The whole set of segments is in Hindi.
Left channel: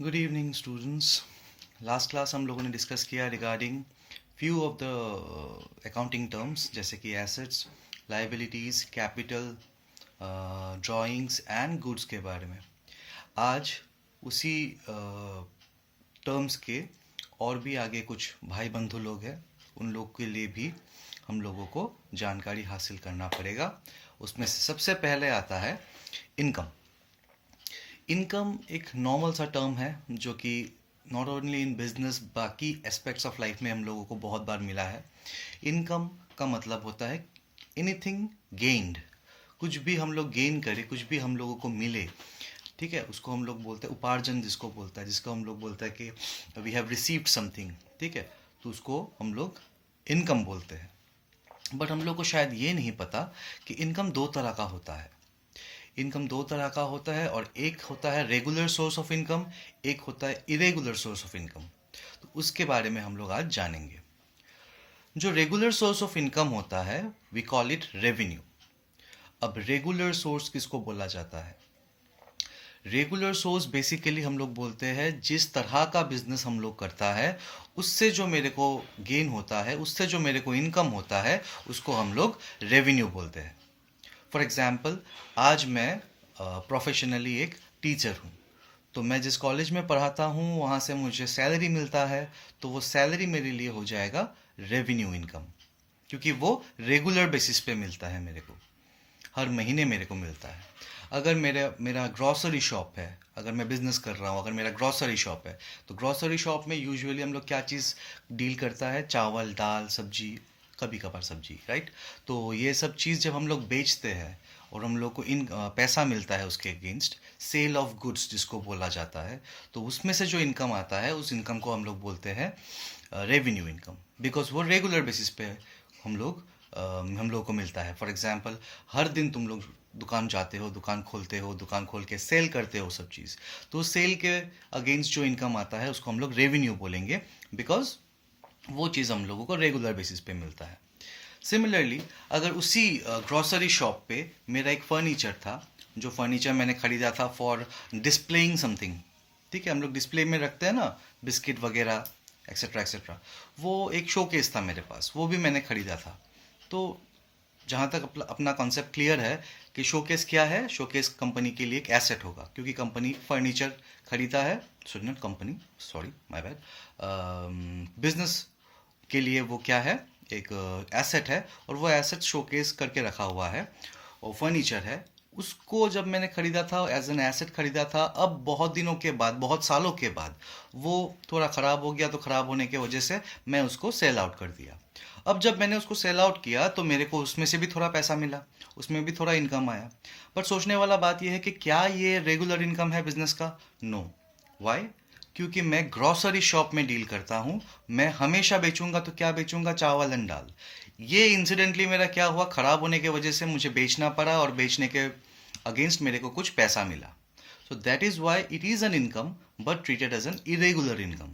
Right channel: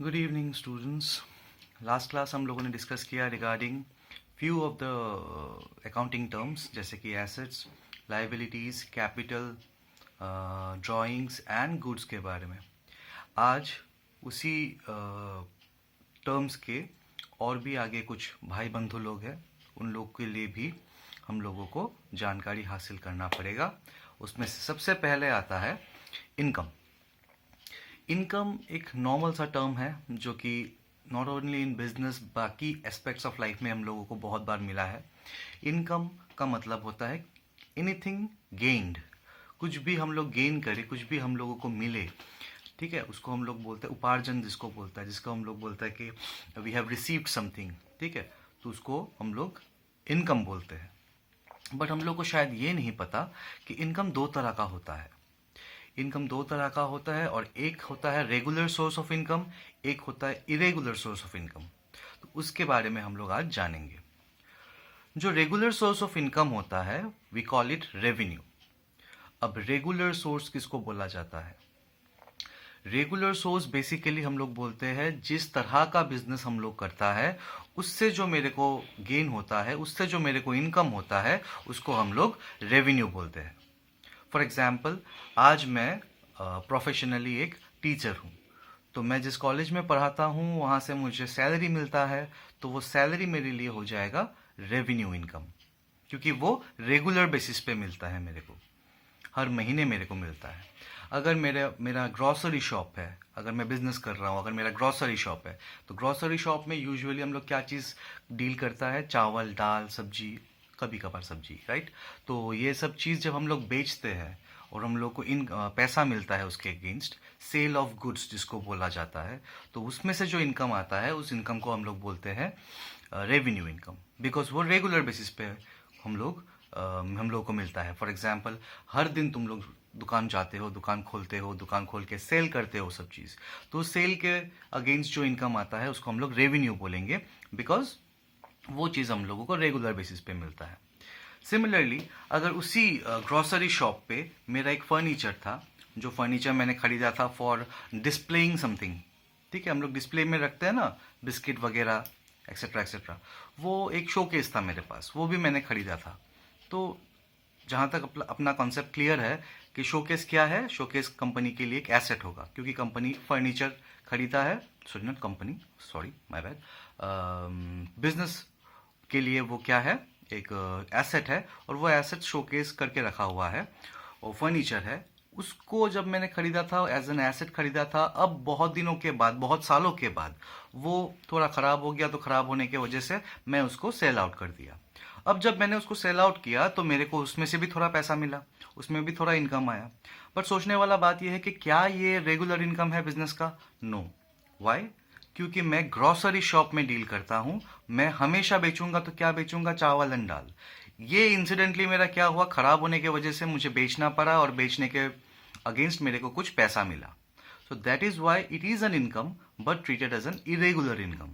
Good evening students. Last class हम लोगों ने डिस्कस किया regarding few of the accounting terms जैसे कि assets, liabilities, capital, drawings and goods के बारे में। आज उसी टर्म्स के और भी आगे कुछ भाई बंधु लोग हैं, उन लोग के लिए भी हम लोगों को जानकारी हासिल करना पड़ेगा। उसमें से सबसे पहले आता है इनकम। इनकम एक नॉर्मल सा टर्म है जो कि नॉट ओनली इन बिजनेस, बाकी एस्पेक्ट्स ऑफ लाइफ में हम लोगों को बहुत बार मिला है। इनकम का मतलब होता है एनीथिंग गेन्ड, कुछ भी हम लोग गेन करें, कुछ भी हम लोगों को मिले, ठीक है, उसको हम लोग बोलते हैं उपार्जन, जिसको बोलता है, जिसको हम लोग बोलता है कि वी हैव रिसीव्ड समथिंग, ठीक है, तो उसको हम लोग इनकम बोलते हैं। बट हम लोग को शायद ये नहीं पता कि इनकम दो तरह का होता है। इनकम दो तरह का होता है, और एक होता है रेगुलर सोर्स ऑफ इनकम, एक होता है इरेगुलर सोर्स ऑफ इनकम। तो उसके बारे में हम लोग आज जानेंगे। जो रेगुलर सोर्स ऑफ इनकम होता है वी कॉल इट रेवेन्यू। अब रेगुलर सोर्स किसको बोला जाता है? रेगुलर सोर्स बेसिकली हम लोग बोलते हैं जिस तरह का बिजनेस हम लोग करता है, उससे जो मेरे को गेन होता है, उससे जो मेरे को इनकम होता है, उसको हम लोग रेवेन्यू बोलते हैं। फॉर एग्जाम्पल, आज मैं प्रोफेशनली एक टीचर हूँ, तो मैं जिस कॉलेज में पढ़ाता हूँ वहाँ से मुझे सैलरी मिलता है, तो वो सैलरी मेरे लिए हो जाएगा रेवेन्यू इनकम, क्योंकि वो रेगुलर बेसिस पे मिलता है, मेरे को हर महीने मेरे को मिलता है। अगर मेरा ग्रॉसरी शॉप है, अगर मैं बिजनेस कर रहा हूँ, अगर मेरा ग्रॉसरी शॉप है, तो ग्रॉसरी शॉप में यूजुअली हम लोग क्या चीज़ डील करता है? चावल, दाल, सब्जी, कभी कभार सब्जी, राइट। तो ये सब चीज़ जब हम लोग बेचते हैं और हम लोग को पैसा मिलता है उसके अगेंस्ट, सेल ऑफ गुड्स जिसको बोला जाता है, तो उसमें से जो इनकम आता है उस इनकम को हम लोग बोलते हैं रेवेन्यू इनकम, बिकॉज वो रेगुलर बेसिस पे हम लोग को मिलता है। फॉर एग्जाम्पल, हर दिन तुम लोग दुकान जाते हो, दुकान खोलते हो, दुकान खोल के सेल करते हो सब चीज़, तो सेल के अगेंस्ट जो इनकम आता है उसको हम लोग रेवेन्यू बोलेंगे, बिकॉज वो चीज़ हम लोगों को रेगुलर बेसिस पे मिलता है। सिमिलरली, अगर उसी ग्रॉसरी शॉप पे मेरा एक फर्नीचर था, जो फर्नीचर मैंने खरीदा था फॉर डिस्प्लेइंग समथिंग, ठीक है, हम लोग डिस्प्ले में रखते हैं ना, बिस्किट वगैरह एक्सेट्रा एक्सेट्रा, वो एक शोकेस था मेरे पास, वो भी मैंने खरीदा था। तो जहाँ तक अपना कॉन्सेप्ट क्लियर है कि शोकेस क्या है, शोकेस कंपनी के लिए एक एसेट होगा, क्योंकि कंपनी फर्नीचर खरीदा है, sorry not company, sorry my bad, business के लिए वो क्या है, एक एसेट है, और वो एसेट शोकेस करके रखा हुआ है, और फर्नीचर है। उसको जब मैंने खरीदा था एज एन एसेट खरीदा था, अब बहुत दिनों के बाद, बहुत सालों के बाद वो थोड़ा ख़राब हो गया, तो ख़राब होने की वजह से मैं उसको सेल आउट कर दिया। अब जब मैंने उसको सेल आउट किया तो मेरे को उसमें से भी थोड़ा पैसा मिला, उसमें भी थोड़ा इनकम आया। पर सोचने वाला बात यह है कि क्या ये रेगुलर इनकम है बिजनेस का? नो। वाई? क्योंकि मैं ग्रॉसरी शॉप में डील करता हूँ, मैं हमेशा बेचूंगा तो क्या बेचूंगा? चावल एंड दाल। ये इंसिडेंटली मेरा क्या हुआ, खराब होने की वजह से मुझे बेचना पड़ा, और बेचने के अगेंस्ट मेरे को कुछ पैसा मिला। So that is why it is an income, but treated as an irregular income,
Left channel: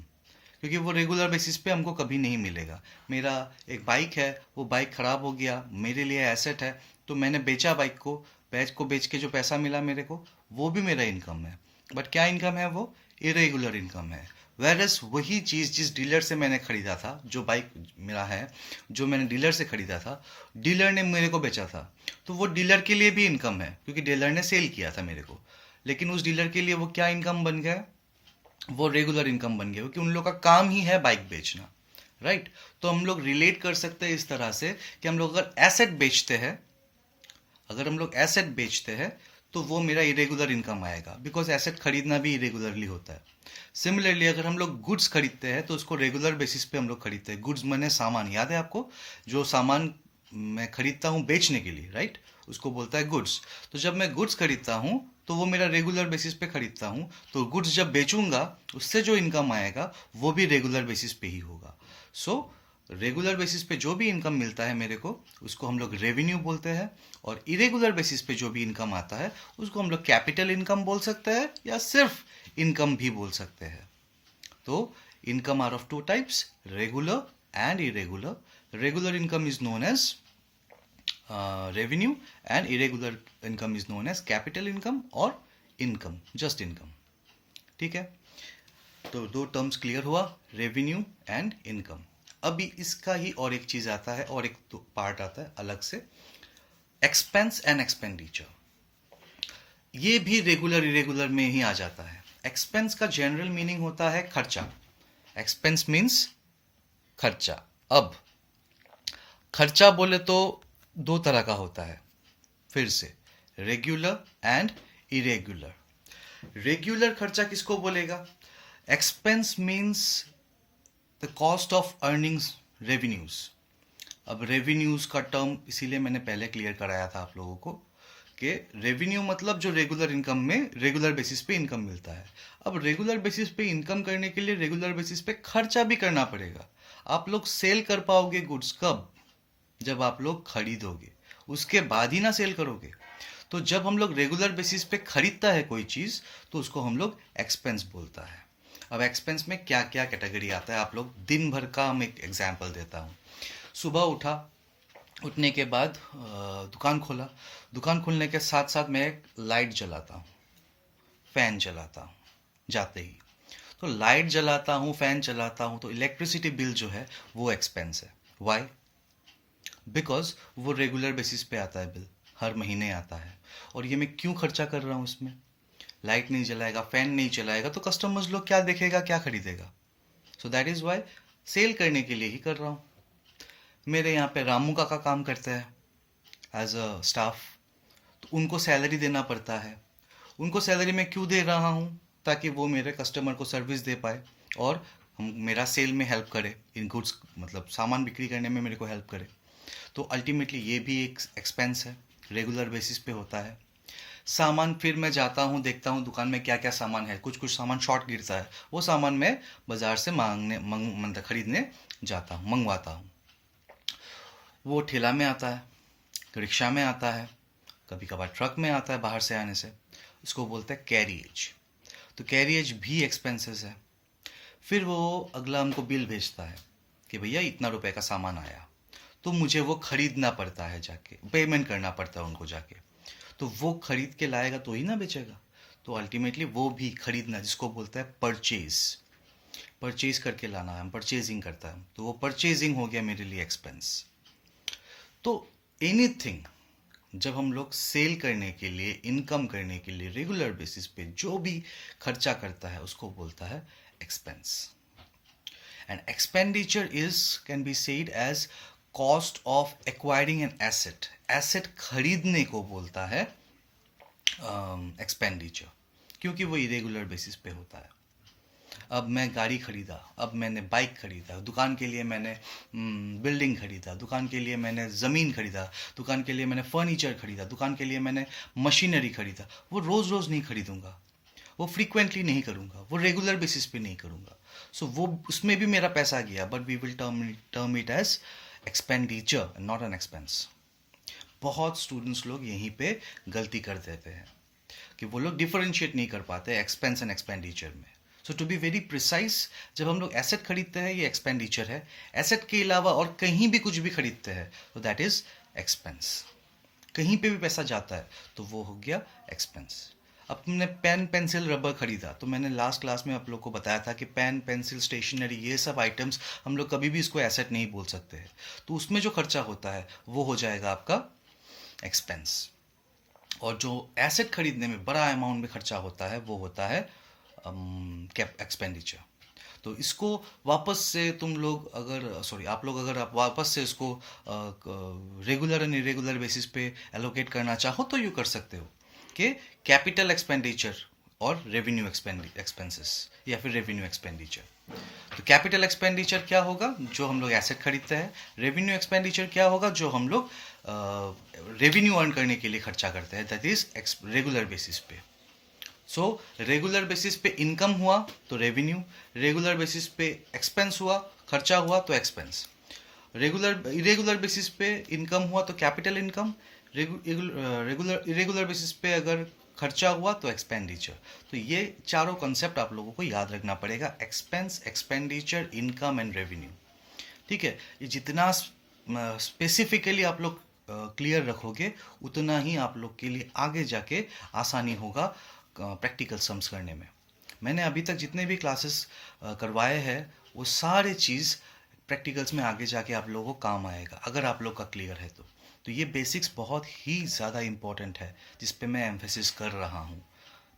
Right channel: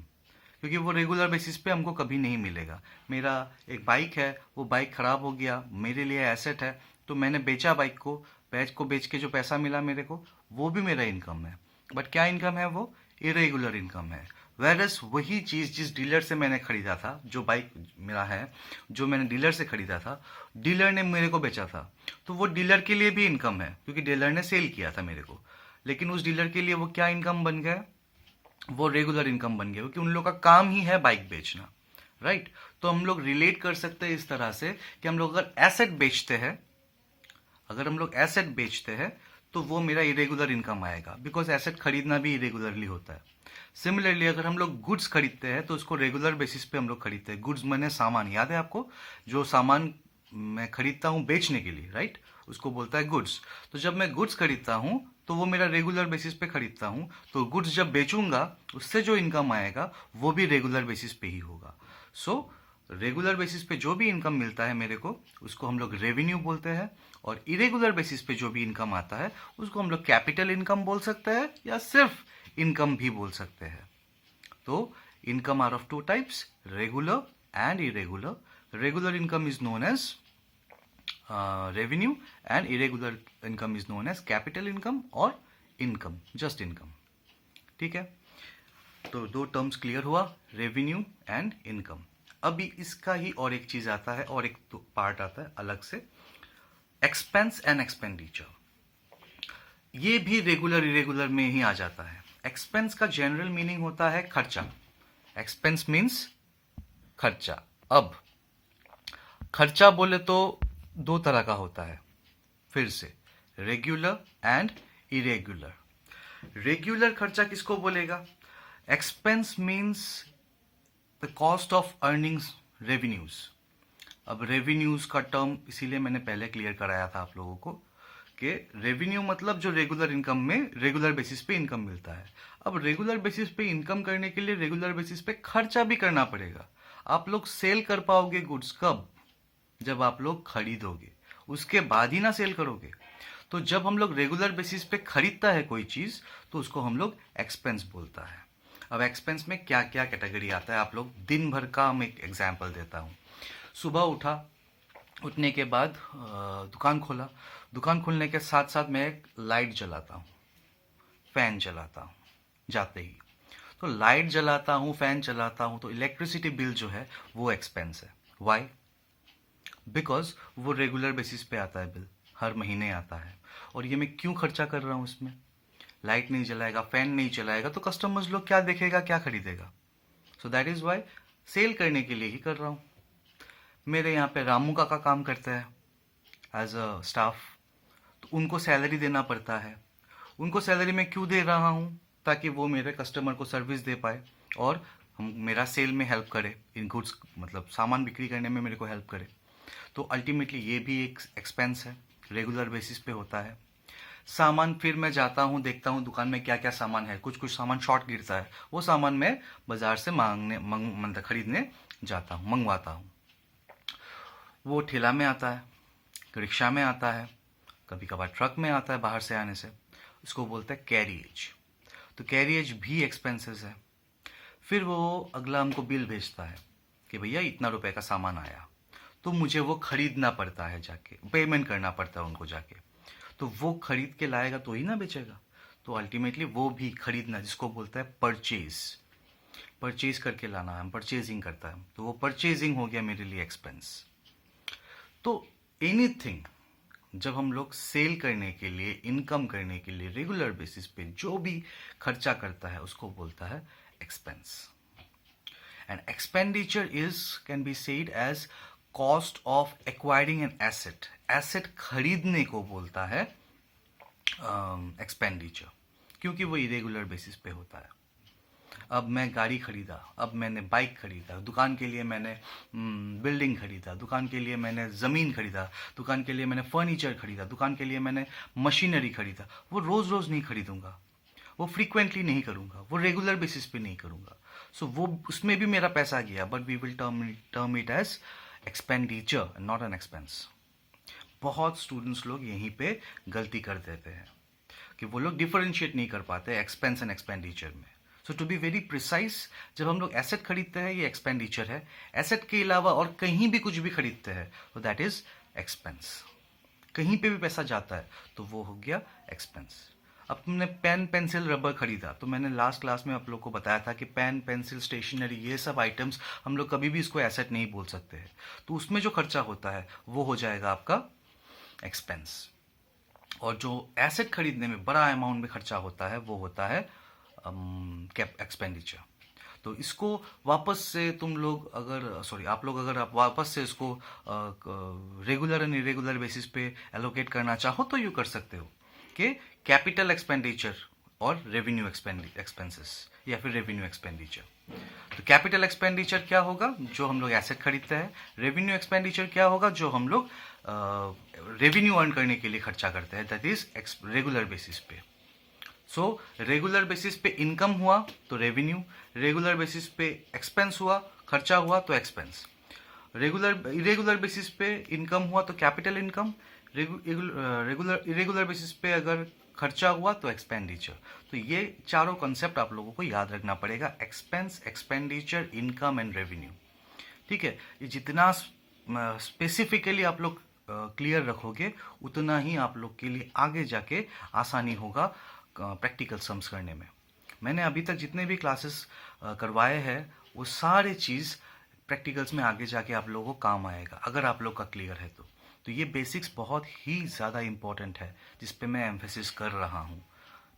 क्योंकि वो रेगुलर बेसिस पे हमको कभी नहीं मिलेगा। मेरा एक बाइक है, वो बाइक खराब हो गया, मेरे लिए एसेट है, तो मैंने बेचा बाइक को, बेच के जो पैसा मिला मेरे को, वो भी मेरा इनकम है। बट क्या इनकम है वो? इरेगुलर इनकम है। वेरस वही चीज़ जिस डीलर से मैंने खरीदा था, जो बाइक मेरा है, जो मैंने डीलर से खरीदा था, डीलर ने मेरे को बेचा था, तो वो डीलर के लिए भी इनकम है, क्योंकि डीलर ने सेल किया था मेरे को। लेकिन उस डीलर के लिए वो क्या इनकम बन गया? वो रेगुलर इनकम बन गया, क्योंकि उन लोग का काम ही है बाइक बेचना, राइट। तो हम लोग रिलेट कर सकते हैं इस तरह से कि हम लोग अगर एसेट बेचते हैं, अगर हम लोग एसेट बेचते हैं तो वो मेरा इरेगुलर इनकम आएगा, बिकॉज एसेट खरीदना भी इरेगुलरली होता है। सिमिलरली, अगर हम लोग गुड्स खरीदते हैं तो उसको रेगुलर बेसिस पे हम लोग खरीदते हैं। गुड्स मैंने सामान, याद है आपको? जो सामान मैं खरीदता हूँ बेचने के लिए, राइट, उसको बोलता है गुड्स। तो जब मैं गुड्स खरीदता हूँ तो वो मेरा रेगुलर बेसिस पे खरीदता हूँ, तो गुड्स जब बेचूंगा उससे जो इनकम आएगा वो भी रेगुलर बेसिस पे ही होगा। सो रेगुलर बेसिस पे जो भी इनकम मिलता है मेरे को, उसको हम लोग रेवेन्यू बोलते हैं, और इरेगुलर बेसिस पे जो भी इनकम आता है उसको हम लोग कैपिटल इनकम बोल सकते हैं, या सिर्फ इनकम भी बोल सकते हैं। तो income are of two types, regular and irregular. Regular income is known as revenue, and irregular income is known as capital income और इनकम, जस्ट इनकम, ठीक है। तो दो टर्म्स क्लियर हुआ, रेवेन्यू एंड इनकम। अभी इसका ही और एक चीज आता है, और एक तो पार्ट आता है अलग से, एक्सपेंस एंड एक्सपेंडिचर। ये भी रेगुलर इरेगुलर में ही आ जाता है। एक्सपेंस का जनरल मीनिंग होता है खर्चा। एक्सपेंस मीन्स खर्चा। अब खर्चा बोले तो दो तरह का होता है, फिर से, रेगुलर एंड इरेगुलर। रेगुलर खर्चा किसको बोलेगा? Expense means the cost of earnings revenues. अब रेवेन्यूज का टर्म इसीलिए मैंने पहले क्लियर कराया था आप लोगों को कि रेवेन्यू मतलब जो रेगुलर इनकम में रेगुलर बेसिस पे इनकम मिलता है। अब रेगुलर बेसिस पे इनकम करने के लिए रेगुलर बेसिस पे खर्चा भी करना पड़ेगा। आप लोग सेल कर पाओगे गुड्स कब? जब आप लोग खरीदोगे, उसके बाद ही ना सेल करोगे। तो जब हम लोग रेगुलर बेसिस पे खरीदता है कोई चीज, तो उसको हम लोग एक्सपेंस बोलता है। अब एक्सपेंस में क्या क्या कैटेगरी आता है, आप लोग दिन भर का हम एक एग्जाम्पल देता हूँ। सुबह उठा, उठने के बाद दुकान खोला, दुकान खोलने के साथ साथ मैं एक लाइट जलाता हूँ, फैन चलाता हूँ जाते ही। तो लाइट जलाता हूँ, फैन चलाता हूँ, तो इलेक्ट्रिसिटी बिल जो है वो एक्सपेंस है। वाई? बिकॉज वो रेगुलर बेसिस पे आता है, बिल हर महीने आता है। और ये मैं क्यों खर्चा कर रहा हूँ इसमें? लाइट नहीं जलाएगा, फैन नहीं चलाएगा तो कस्टमर्स लोग क्या देखेगा, क्या खरीदेगा? So that is why sale करने के लिए ही कर रहा हूँ। मेरे यहाँ पे रामू काका काम करते हैं एज अ स्टाफ, तो उनको सैलरी देना पड़ता है। उनको सैलरी मैं क्यों दे रहा हूँ? ताकि वो मेरे कस्टमर को सर्विस दे पाए और हम मेरा सेल में हेल्प करे, इन गुड्स मतलब सामान बिक्री करने में मेरे को हेल्प करे। तो अल्टीमेटली ये भी एक एक्सपेंस है, रेगुलर बेसिस पे होता है। सामान फिर मैं जाता हूँ, देखता हूँ दुकान में क्या क्या सामान है, कुछ कुछ सामान शॉर्ट गिरता है, वो सामान मैं बाजार से मतलब खरीदने जाता हूँ, मंगवाता हूँ। वो ठेला में आता है, रिक्शा में आता है, कभी कभार ट्रक में आता है बाहर से आने से, उसको बोलते हैं कैरिएज। तो कैरिएज भी एक्सपेंसेस है। फिर वो अगला हमको बिल भेजता है कि भैया इतना रुपए का सामान आया, तो मुझे वो खरीदना पड़ता है, जाके पेमेंट करना पड़ता है उनको जाके। तो वो खरीद के लाएगा तो ही ना बेचेगा। तो अल्टीमेटली वो भी खरीदना, जिसको बोलता है परचेज, परचेज करके लाना, हम परचेजिंग करता है, तो वो परचेजिंग हो गया मेरे लिए एक्सपेंस। तो एनीथिंग जब हम लोग सेल करने के लिए, इनकम करने के लिए रेगुलर बेसिस पे जो भी खर्चा करता है उसको बोलता है expense. And expenditure is can be said as cost of acquiring an asset. Asset खरीदने को बोलता है एक्सपेंडिचर, क्योंकि वो इरेगुलर बेसिस पे होता है। अब मैं गाड़ी खरीदा, अब मैंने बाइक खरीदा, दुकान के लिए मैंने बिल्डिंग खरीदा, दुकान के लिए मैंने ज़मीन खरीदा, दुकान के लिए मैंने फर्नीचर खरीदा, दुकान के लिए मैंने मशीनरी खरीदा। वो रोज़ रोज़ नहीं खरीदूंगा, वो फ्रीक्वेंटली नहीं करूंगा, वो रेगुलर बेसिस पे नहीं करूंगा। सो वो उसमें भी मेरा पैसा गया, but we will term it as expenditure, not an expense. बहुत स्टूडेंट्स लोग यहीं पे गलती कर देते हैं कि वो लोग डिफरेंशिएट नहीं कर पाते एक्सपेंस एंड एक्सपेंडिचर में। सो टू बी वेरी प्रिसाइज, जब हम लोग एसेट खरीदते हैं ये एक्सपेंडिचर है, एसेट के अलावा और कहीं भी कुछ भी खरीदते हैं तो दैट इज एक्सपेंस। कहीं पे भी पैसा जाता है तो वो हो गया एक्सपेंस। अब तुमने पेन, पेंसिल, रबर खरीदा, तो मैंने लास्ट क्लास में आप लोग को बताया था कि पेन, पेंसिल, स्टेशनरी, ये सब आइटम्स हम लोग कभी भी इसको एसेट नहीं बोल सकते हैं। तो उसमें जो खर्चा होता है वो हो जाएगा आपका एक्सपेंस। और जो एसेट खरीदने में बड़ा अमाउंट में खर्चा होता है वो होता है एक्सपेंडिचर। तो इसको वापस से तुम लोग अगर आप लोग अगर आप वापस से इसको रेगुलर एंड इरेगुलर बेसिस पे एलोकेट करना चाहो तो यू कर सकते हो कि कैपिटल एक्सपेंडिचर और रेवेन्यू एक्सपेंसेस या फिर रेवेन्यू एक्सपेंडिचर। तो कैपिटल एक्सपेंडिचर क्या होगा? जो हम लोग एसेट खरीदते हैं। रेवेन्यू एक्सपेंडिचर क्या होगा? जो हम लोग रेवेन्यू अर्न करने के लिए खर्चा करते हैं, दैट इज रेगुलर बेसिस पे। सो रेगुलर बेसिस पे इनकम हुआ तो रेवेन्यू, रेगुलर बेसिस पे एक्सपेंस हुआ, खर्चा हुआ तो एक्सपेंस। इरेगुलर बेसिस पे इनकम हुआ तो कैपिटल इनकम, इरेगुलर बेसिस पे अगर खर्चा हुआ तो एक्सपेंडिचर। तो ये चारों कॉन्सेप्ट आप लोगों को याद रखना पड़ेगा, expense, expenditure, income and revenue. ठीक है, ये जितना स्पेसिफिकली आप लोग क्लियर रखोगे उतना ही आप लोग के लिए आगे जाके आसानी होगा प्रैक्टिकल सम्स करने में। मैंने अभी तक जितने भी क्लासेस करवाए हैं वो सारे चीज़ प्रैक्टिकल्स में आगे जाके आप लोगों को काम आएगा अगर आप लोग का क्लियर है तो ये बेसिक्स बहुत ही ज़्यादा इम्पोर्टेंट है जिस पे मैं एम्फेसिस कर रहा हूँ,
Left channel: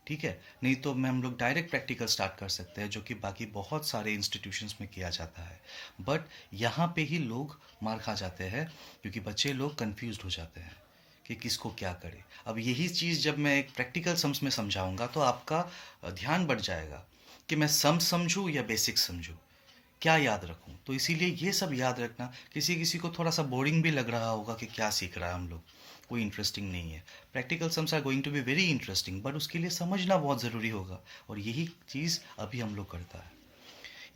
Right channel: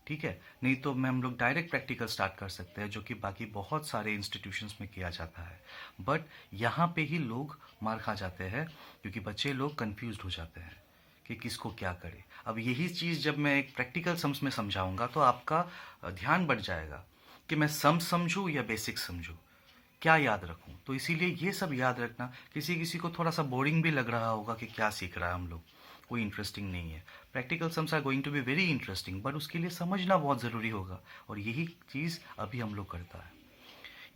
ठीक है। नहीं तो मैं हम लोग डायरेक्ट प्रैक्टिकल स्टार्ट कर सकते हैं जो कि बाकी बहुत सारे इंस्टीट्यूशंस में किया जाता है, बट यहाँ पे ही लोग मार खा जाते हैं क्योंकि बच्चे लोग कंफ्यूज हो जाते हैं कि किसको क्या करे। अब यही चीज़ जब मैं एक प्रैक्टिकल सम्स में समझाऊंगा तो आपका ध्यान बढ़ जाएगा कि मैं सम समझूँ या बेसिक समझूँ, क्या याद रखूं। तो इसीलिए ये सब याद रखना, किसी किसी को थोड़ा सा बोरिंग भी लग रहा होगा कि क्या सीख रहा है हम लोग, कोई इंटरेस्टिंग नहीं है। Practical sums are going to be very interesting, but उसके लिए समझना बहुत ज़रूरी होगा और यही चीज़ अभी हम लोग करता है।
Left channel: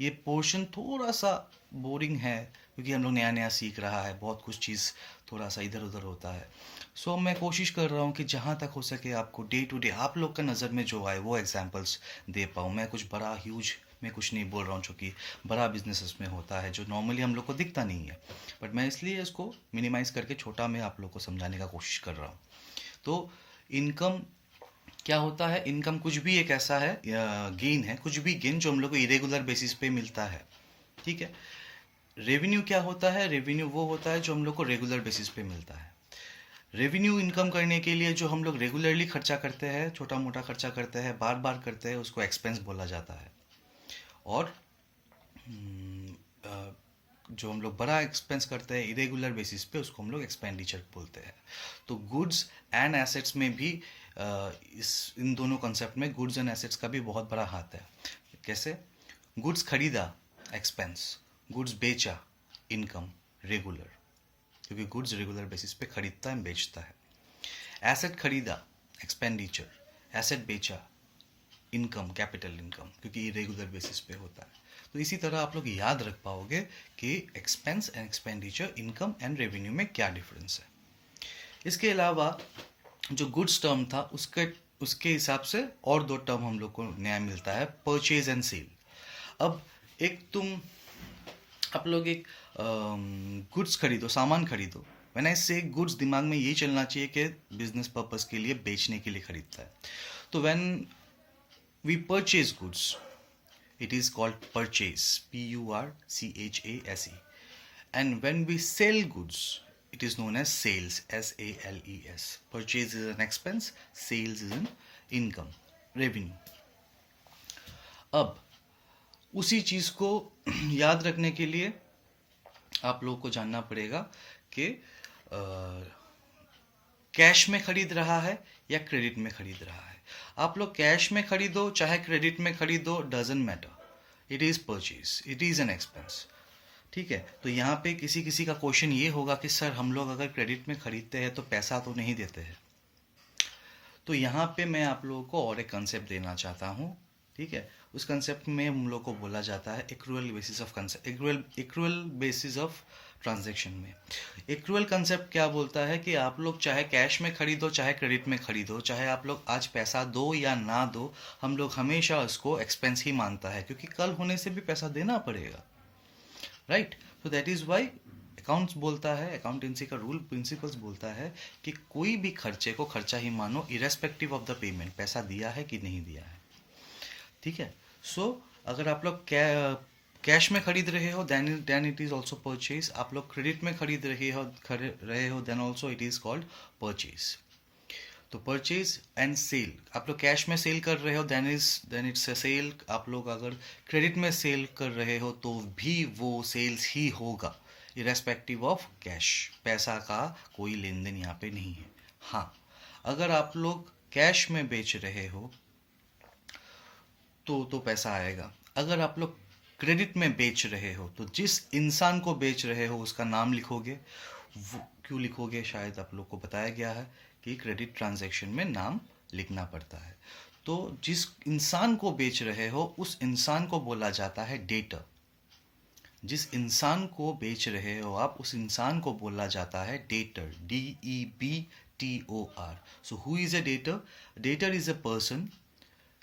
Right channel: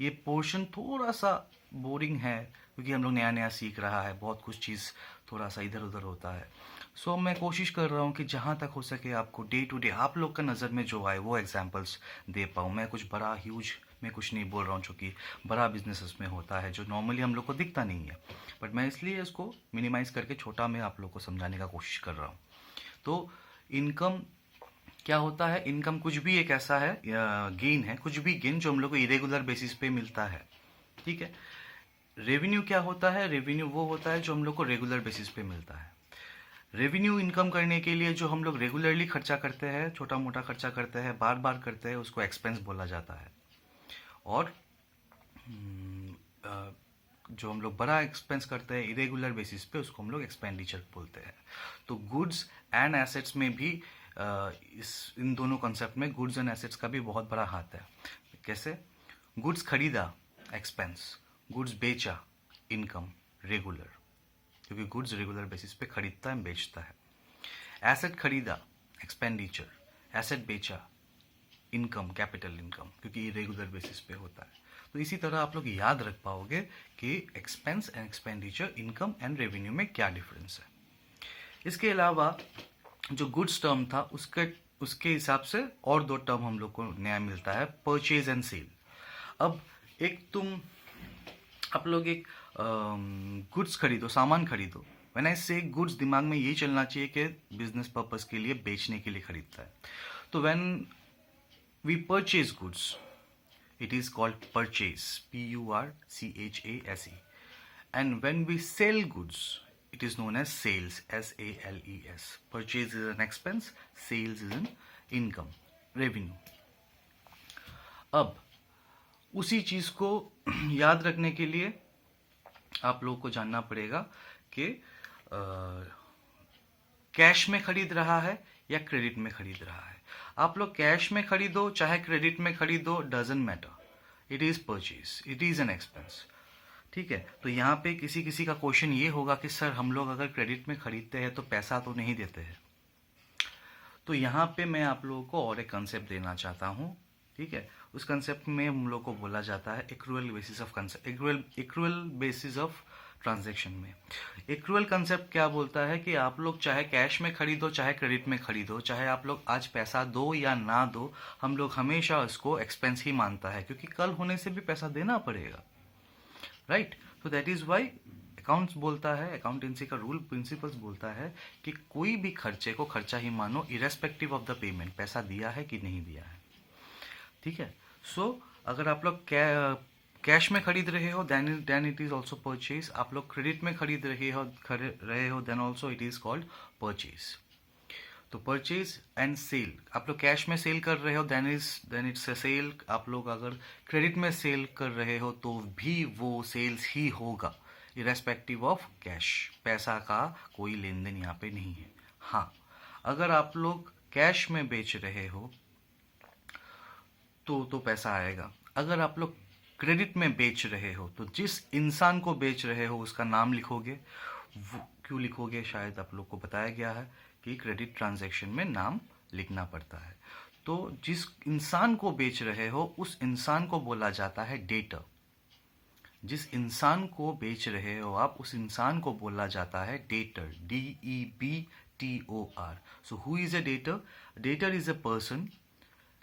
ये पोर्शन थोड़ा सा बोरिंग है क्योंकि हम लोग नया नया सीख रहा है, बहुत कुछ चीज़ थोड़ा सा इधर उधर होता है। सो मैं कोशिश कर रहा हूँ कि जहाँ तक हो सके आपको डे टू डे आप लोग का नज़र में जो आए वो एग्जांपल्स दे पाऊँ। मैं कुछ बड़ा ह्यूज मैं कुछ नहीं बोल रहा हूँ जो कि बड़ा बिजनेस में होता है जो नॉर्मली हम लोग को दिखता नहीं है, बट मैं इसलिए इसको मिनिमाइज़ करके छोटा में आप लोग को समझाने का कोशिश कर रहा हूँ। तो इनकम क्या होता है, इनकम कुछ भी एक ऐसा है गेन है, कुछ भी गेन जो हम लोग को इरेगुलर बेसिस पे मिलता है, ठीक है। रेवेन्यू क्या होता है, रेवेन्यू वो होता है जो हम लोग को रेगुलर बेसिस पे मिलता है। रेवेन्यू इनकम करने के लिए जो हम लोग रेगुलरली खर्चा करते हैं, छोटा मोटा खर्चा करते हैं, बार बार करते हैं, उसको एक्सपेंस बोला जाता है। और जो हम लोग बड़ा एक्सपेंस करते हैं इरेगुलर बेसिस पे उसको हम लोग एक्सपेंडिचर बोलते हैं। तो गुड्स एंड एसेट्स में भी इन दोनों कॉन्सेप्ट में गुड्स एंड एसेट्स का भी बहुत बड़ा हाथ है। कैसे? गुड्स खरीदा एक्सपेंस, गुड्स बेचा इनकम रेगुलर, क्योंकि गुड्स रेगुलर बेसिस पे खरीदता है बेचता है। एसेट खरीदा एक्सपेंडिचर, एसेट बेचा इनकम कैपिटल इनकम, क्योंकि ये रेगुलर बेसिस पे होता है। तो इसी तरह आप लोग याद रख पाओगे कि expense and expenditure, income and revenue में क्या डिफरेंस है। इसके अलावा जो गुड्स टर्म था उसके हिसाब से और दो टर्म हम लोग को नया मिलता है, परचेज एंड सेल। अब आप लोग एक गुड्स खरीदो, सामान खरीदो। व्हेन आई से गुड्स, दिमाग में ये चलना चाहिए कि बिजनेस पर्पस के लिए, बेचने के लिए खरीदता है। तो when we purchase goods, it is called purchase, Purchase, and when we sell goods it is known as sales, Sales. Purchase is an expense, sales is an income, revenue. अब उसी चीज को याद रखने के लिए आप लोगों को जानना पड़ेगा कि कैश में खरीद रहा है या क्रेडिट में खरीद रहा है। आप लोग कैश में खरीदो चाहे क्रेडिट में खरीदो, doesn't matter, it is purchase, it is an expense, ठीक है। तो यहाँ पे किसी किसी का क्वेश्चन ये होगा कि सर हम लोग अगर क्रेडिट में खरीदते हैं तो पैसा तो नहीं देते हैं। तो यहाँ पे मैं आप लोगों को और एक कंसेप्ट देना चाहता हूँ, ठीक है। उस कंसेप्ट में हम लोग को बोला जाता है accrual basis of concept, accrual basis of transaction में। एक्रूअल कंसेप्ट क्या बोलता है कि आप लोग चाहे कैश में खरीदो चाहे क्रेडिट में खरीदो, चाहे आप लोग आज पैसा दो या ना दो, हम लोग हमेशा उसको एक्सपेंस ही मानता है क्योंकि कल होने से भी पैसा देना पड़ेगा, राइट। तो दैट इज वाई अकाउंट्स बोलता है, अकाउंटेंसी का रूल प्रिंसिपल्स बोलता है कि कोई भी खर्चे को खर्चा ही मानो, इरेस्पेक्टिव ऑफ द पेमेंट, पैसा दिया है कि नहीं दिया है, ठीक है। सो अगर आप लोग कैश में खरीद रहे हो then it is also purchase. आप लोग क्रेडिट में खरीद रहे हो then also it is called purchase. तो परचेज एंड सेल, आप लोग कैश में सेल कर रहे हो देन इट्स अ सेल। आप लोग अगर क्रेडिट में सेल कर रहे हो तो भी वो सेल्स ही होगा, इरेस्पेक्टिव ऑफ कैश, पैसा का कोई लेन देन यहाँ पे नहीं है। हाँ, अगर आप लोग कैश में बेच रहे हो तो पैसा आएगा। अगर आप लोग क्रेडिट में बेच रहे हो तो जिस इंसान को बेच रहे हो उसका नाम लिखोगे। वो क्यों लिखोगे, शायद आप लोग को बताया गया है कि क्रेडिट ट्रांजैक्शन में नाम लिखना पड़ता है। तो जिस इंसान को बेच रहे हो उस इंसान को बोला जाता है डेटर। जिस इंसान को बेच रहे हो आप उस इंसान को बोला जाता है debtor, DEBTOR। So who is a debtor? Debtor is a person.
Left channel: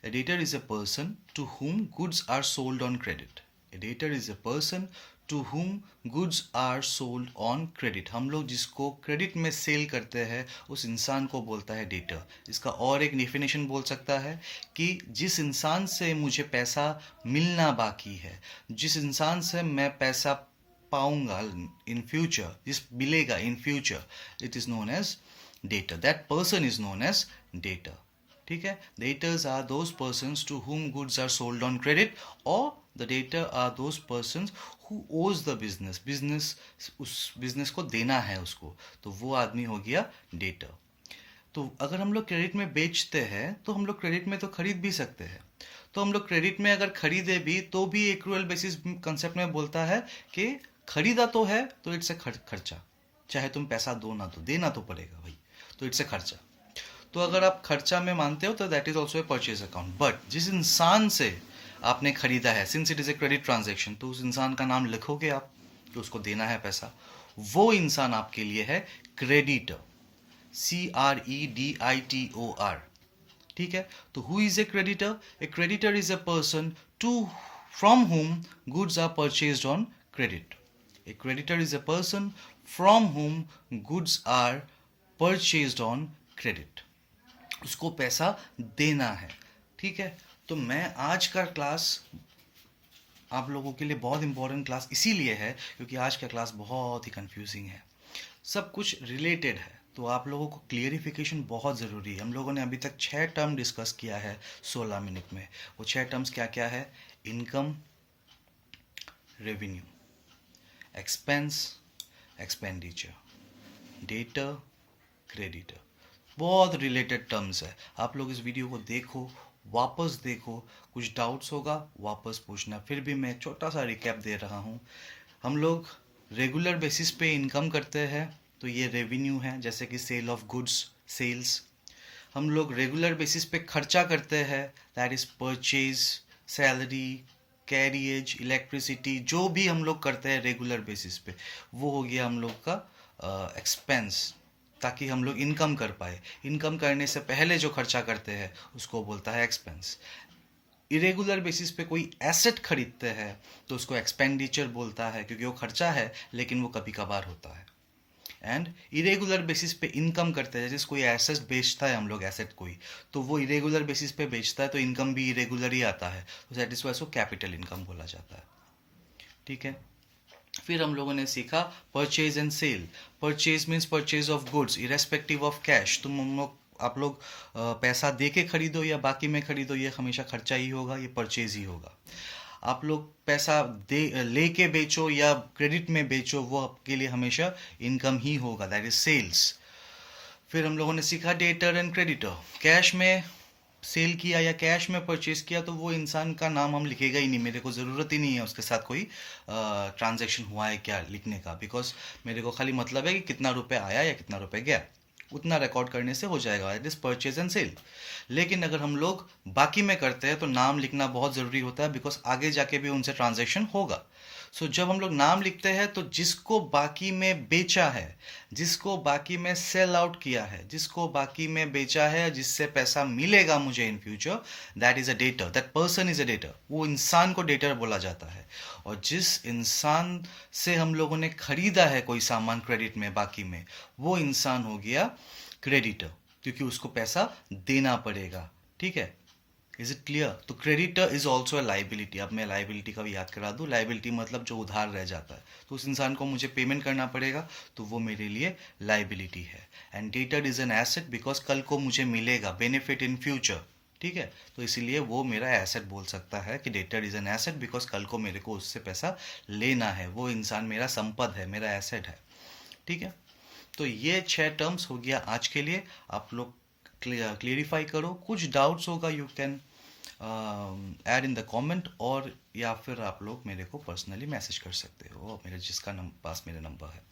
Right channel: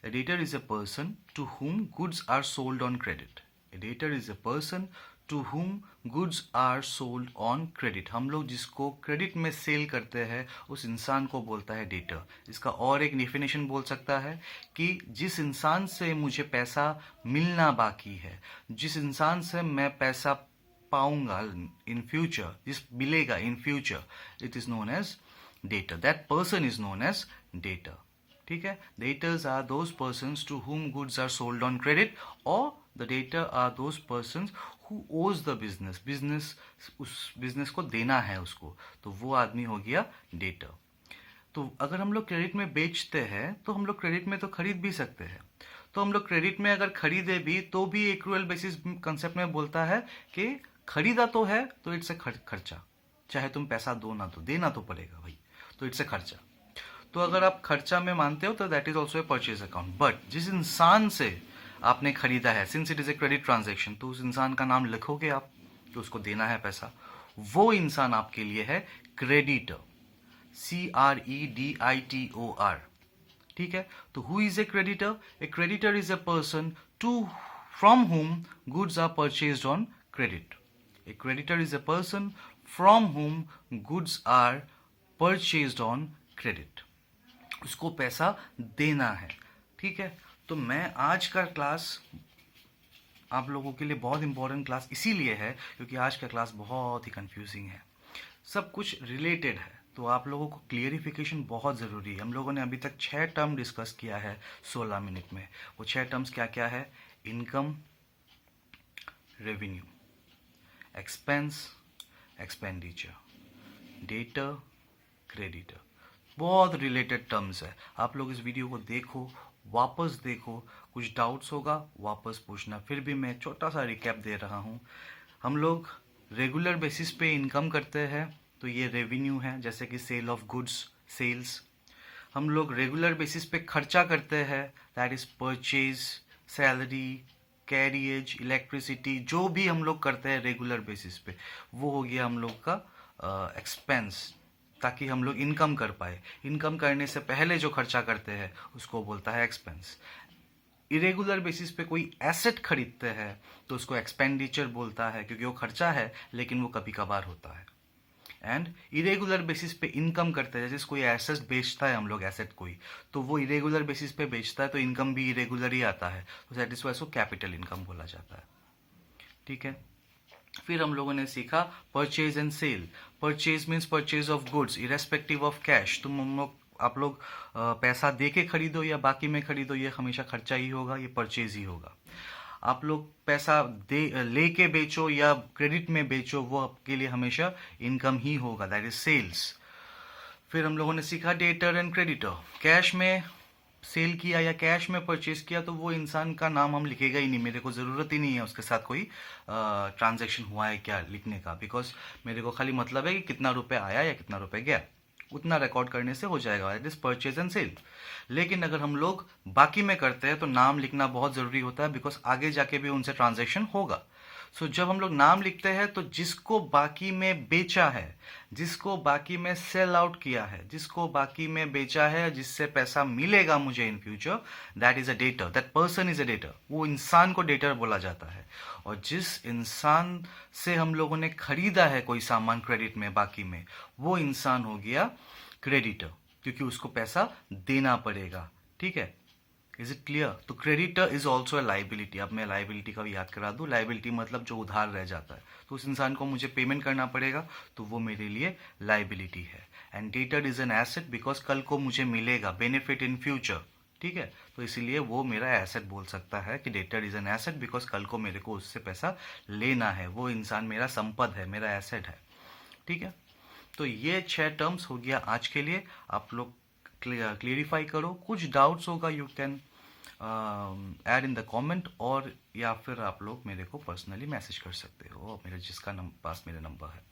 A debtor is a person to whom goods are sold on credit. A debtor is a person to whom goods are sold on credit. हम लोग जिसको क्रेडिट में सेल करते हैं उस इंसान को बोलता है डेटर। इसका और एक डेफिनेशन बोल सकता है कि जिस इंसान से मुझे पैसा मिलना बाकी है, जिस इंसान से मैं पैसा पाऊंगा इन फ्यूचर, जिस मिलेगा in future, it is known as debtor. That person is known as debtor. ठीक है, debtors are those persons to whom goods are sold on credit, और the debtor are those persons who owe the business. Business, उस बिजनेस को देना है उसको, तो वो आदमी हो गया डेटर। तो अगर हम लोग क्रेडिट में बेचते हैं तो हम लोग क्रेडिट में तो खरीद भी सकते हैं। तो हम लोग क्रेडिट में अगर खरीदे भी तो भी एक्रूअल बेसिस कंसेप्ट में बोलता है कि खरीदा तो है तो इट्स ए खर्चा, चाहे तुम पैसा दो ना दो, देना तो पड़ेगा भाई, तो इट्स ए खर्चा। तो अगर आप खर्चा में मानते हो तो that is also a purchase account. But जिस इंसान से आपने खरीदा है, since it is a credit transaction, तो उस इंसान का नाम लिखोगे आप, तो उसको देना है पैसा, वो इंसान आपके लिए है क्रेडिटर। CREDITOR। ठीक है, तो who is a creditor? A creditor is a person to from whom goods are purchased on credit. A creditor is a person from whom goods are purchased on credit. उसको पैसा देना है। ठीक है, तो मैं आज का क्लास आप लोगों के लिए बहुत इंपॉर्टेंट क्लास इसीलिए है क्योंकि आज का क्लास बहुत ही कंफ्यूजिंग है, सब कुछ रिलेटेड है, तो आप लोगों को क्लियरिफिकेशन बहुत ज़रूरी है। हम लोगों ने अभी तक 6 टर्म डिस्कस किया है 16 मिनट में। वो 6 टर्म्स क्या क्या है? Income, revenue, expense, expenditure, debtor, creditor. बहुत रिलेटेड टर्म्स है। आप लोग इस वीडियो को देखो, वापस देखो, कुछ डाउट्स होगा वापस पूछना। फिर भी मैं छोटा सा रिकैप दे रहा हूँ। हम लोग रेगुलर बेसिस पे इनकम करते हैं तो ये रेवेन्यू है, जैसे कि सेल ऑफ गुड्स, सेल्स। हम लोग रेगुलर बेसिस पे खर्चा करते हैं, that is purchase, salary, carriage, electricity, जो भी हम लोग करते हैं रेगुलर बेसिस पे, वो हो गया हम लोग का एक्सपेंस, ताकि हम लोग इनकम कर पाए। इनकम करने से पहले जो खर्चा करते हैं उसको बोलता है एक्सपेंस। इरेगुलर बेसिस पे कोई एसेट खरीदते हैं तो उसको एक्सपेंडिचर बोलता है, क्योंकि वो खर्चा है लेकिन वो कभी कभार होता है। एंड इरेगुलर बेसिस पे इनकम करते हैं, जैसे कोई एसेट बेचता है हम लोग, एसेट कोई, तो वो इरेगुलर बेसिस पे बेचता है तो इनकम भी इरेगुलर ही आता है, तो दैट इज वाई इसको कैपिटल इनकम बोला जाता है। ठीक है, फिर हम लोगों ने सीखा purchase and sale. Purchase means purchase of goods irrespective of cash. आप लोग पैसा दे के खरीदो या बाकी में खरीदो, ये हमेशा खर्चा ही होगा, ये परचेज ही होगा। आप लोग पैसा दे लेके बेचो या क्रेडिट में बेचो, वो आपके लिए हमेशा इनकम ही होगा, दैट इज सेल्स। फिर हम लोगों ने सीखा डेटर एंड क्रेडिटर। कैश में सेल किया या कैश में परचेज किया तो वो इंसान का नाम हम लिखेगा ही नहीं, मेरे को ज़रूरत ही नहीं है उसके साथ कोई ट्रांजैक्शन हुआ है क्या लिखने का, बिकॉज मेरे को खाली मतलब है कि कितना रुपये आया या कितना रुपये गया, उतना रिकॉर्ड करने से हो जाएगा, that is purchase and sale. लेकिन अगर हम लोग बाकी में करते हैं तो नाम लिखना बहुत ज़रूरी होता है, बिकॉज आगे जाके भी उनसे ट्रांजैक्शन होगा। सो जब हम लोग नाम लिखते हैं तो जिसको बाकी में बेचा है, जिसको बाकी में सेल आउट किया है, जिसको बाकी में बेचा है, जिससे पैसा मिलेगा मुझे in future, that is a debtor, that person is a debtor. वो इंसान को डेटर बोला जाता है। और जिस इंसान से हम लोगों ने खरीदा है कोई सामान क्रेडिट में बाकी में, वो इंसान हो गया क्रेडिटर, क्योंकि उसको पैसा देना पड़ेगा। ठीक है, इज इट क्लियर? तो creditor is also a liability. अब मैं लाइबिलिटी का भी याद करा दूं। लाइबिलिटी मतलब जो उधार रह जाता है, तो उस इंसान को मुझे पेमेंट करना पड़ेगा, तो वो मेरे लिए लाइबिलिटी है। And debtor is an asset because कल को मुझे मिलेगा बेनिफिट इन फ्यूचर। ठीक है, तो इसीलिए वो मेरा एसेट बोल सकता है कि debtor is an asset because कल को मेरे को उससे पैसा लेना है, वो इंसान मेरा संपद है, मेरा एसेट है। ठीक है, तो ये 6 टर्म्स हो गया आज के लिए। आप लोग क्लियरिफाई करो, कुछ डाउट्स होगा you can add in the comment, और या फिर आप लोग मेरे को पर्सनली मैसेज कर सकते हो, मेरे जिसका पास मेरा नंबर है।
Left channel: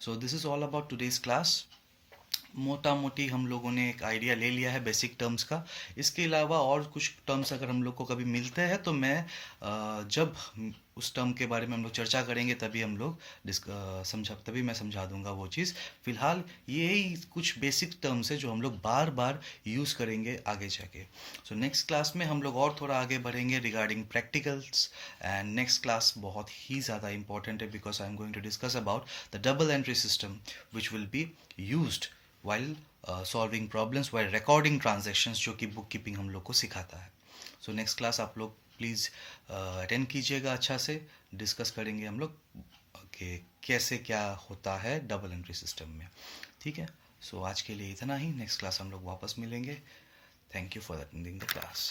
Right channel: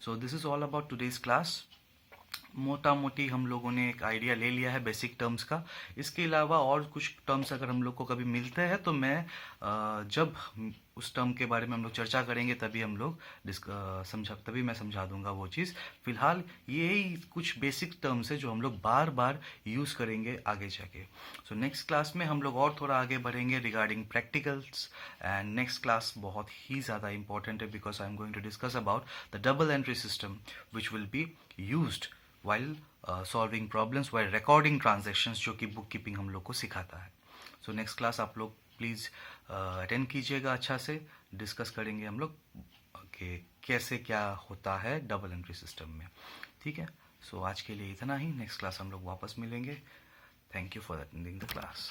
So this is all about today's class. मोटा मोटी हम लोगों ने एक आइडिया ले लिया है बेसिक टर्म्स का। इसके अलावा और कुछ टर्म्स अगर हम लोग को कभी मिलते हैं तो मैं जब उस टर्म के बारे में हम लोग चर्चा करेंगे तभी हम लोग तभी मैं समझा दूंगा वो चीज़। फिलहाल यही कुछ बेसिक टर्म्स है जो हम लोग बार बार यूज़ करेंगे आगे जाके। सो नेक्स्ट क्लास में हम लोग और थोड़ा आगे बढ़ेंगे regarding practicals. And next class बहुत ही ज़्यादा इंपॉर्टेंट है because I am going to discuss about the double entry system which will be used while solving problems while recording transactions, जो कि बुक कीपिंग हम लोग को सिखाता है। सो नेक्स्ट क्लास आप लोग प्लीज़ अटेंड कीजिएगा, अच्छा से डिस्कस करेंगे हम लोग कि कैसे क्या होता है डबल एंट्री सिस्टम में। ठीक है, सो आज के लिए इतना ही। नेक्स्ट क्लास हम लोग वापस मिलेंगे। Thank you for attending the class.